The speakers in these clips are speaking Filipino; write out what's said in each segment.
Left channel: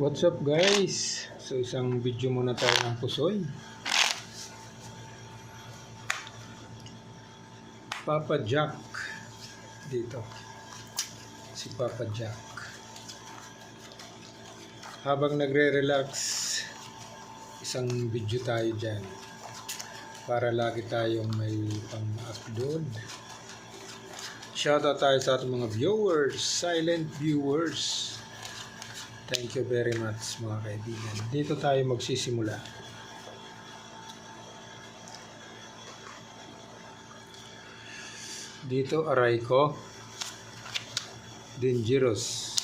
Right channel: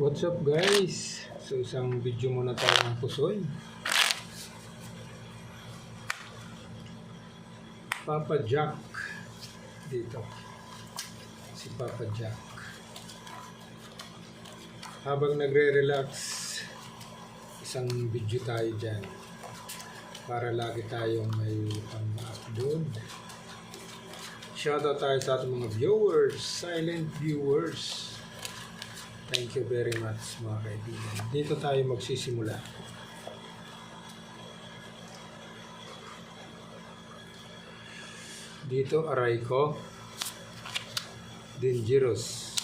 What's up guys? So isang video muna tayo ng pusoy. Papa Jack dito. Si Papa Jack. Habang nagre-relax, isang video tayo dyan. Para lagi tayong may pang-upload. Shoutout tayo sa ating mga viewers, silent viewers. Thank you very much mga kaibigan. Dito tayo magsisimula. Dito aray ko. Dangerous.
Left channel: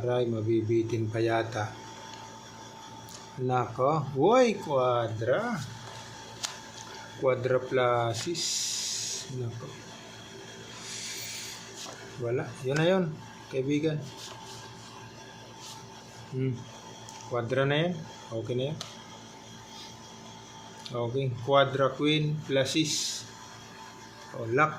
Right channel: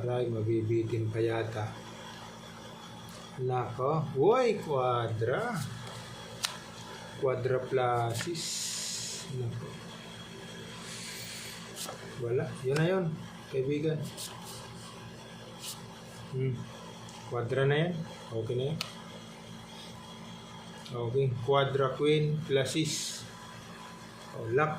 Aray, mabibitin pa yata. Nako. Uy, quadra. Quadraplasis. Nako. Wala. Yun na yun, kaibigan. Quadra na yan. Okay na yan. Okay. Quadra queen plasis. O luck.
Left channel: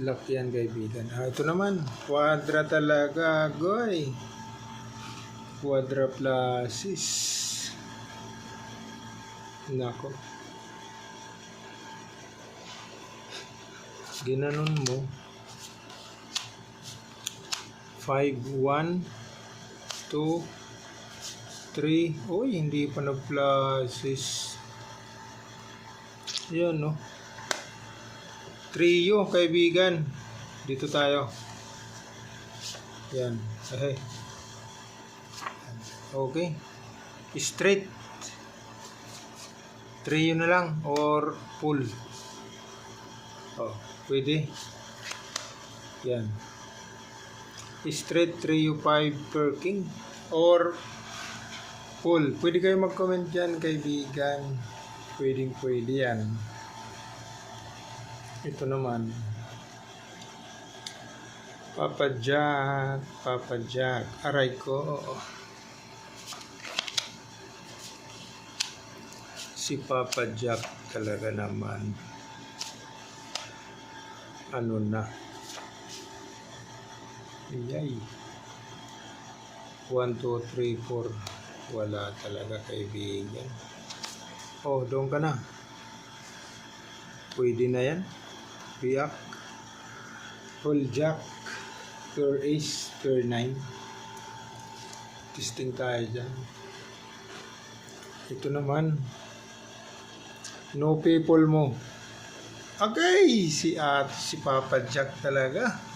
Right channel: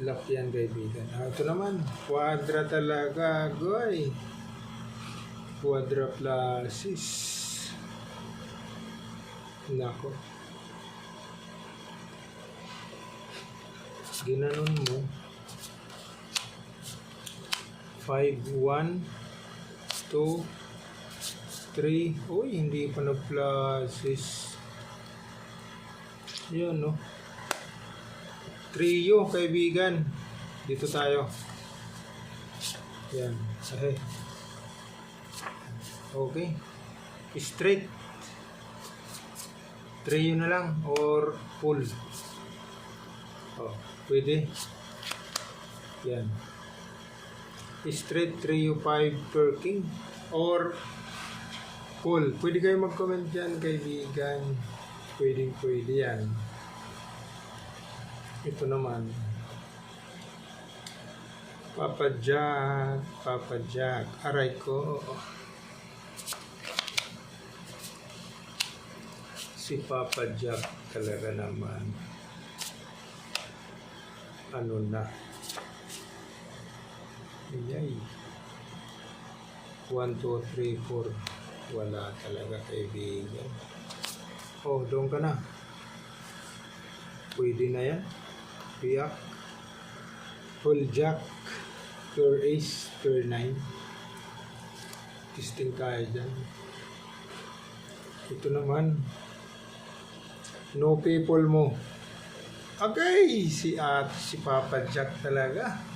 Luck yan kaibigan. Ito naman. Quadra talaga. Goy. Quadra plasis. Nako. Ginanon mo. 5, 1, 2, 3. Uy, hindi pa na-pluses. Yun, no? Trio, kaibigan. Dito tayo. Yan. Okay. Straight. Trio na lang or full. Oh, pwede. Yan. Straight 3 5 per king or full. Pwede kayo mag-comment dyan kaibigan. Pwede yan. Ito naman. Papa Jack. Aray ko. Si Papa Jack talaga naman. Ano na? Yay. 1, 2, 3, 4. Wala talaga kaibigan. Oh, doon ka na. Pwede na yan. Piyak. Full jack. Pure ace. Pure 9. Testing tayo dyan. Ito naman. No people mo. Okay. Si Papa Jack talaga.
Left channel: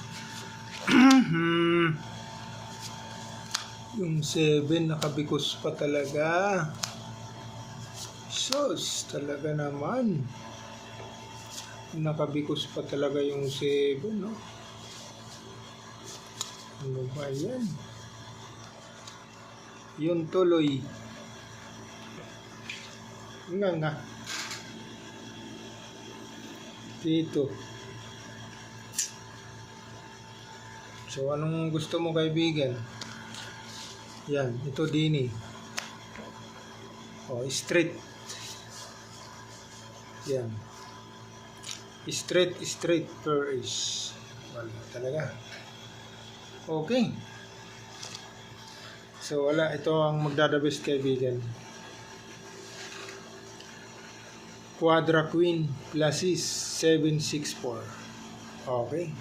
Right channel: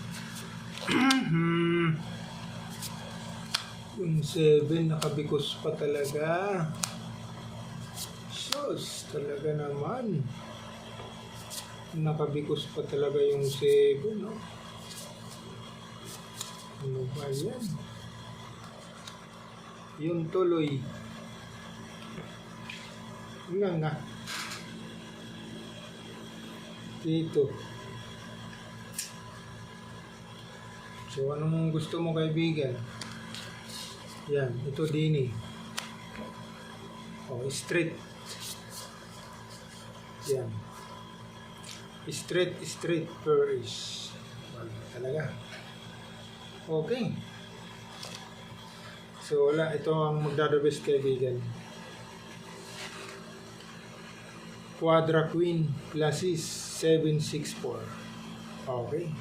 Yung 7 nakabikos pa talaga. Sus, talaga naman. Nakabikos pa talaga yung 7, no? Ano ba yan? Yung tuloy. Nga. Dito. So, anong gusto mo kaibigan? Yan, ito dini. Oh, straight. Yan. Straight per is. Wala talaga. Okay. So, wala. Ito ang magdadabest kaibigan. Quadra queen plasis 7, 6, 4. Okay.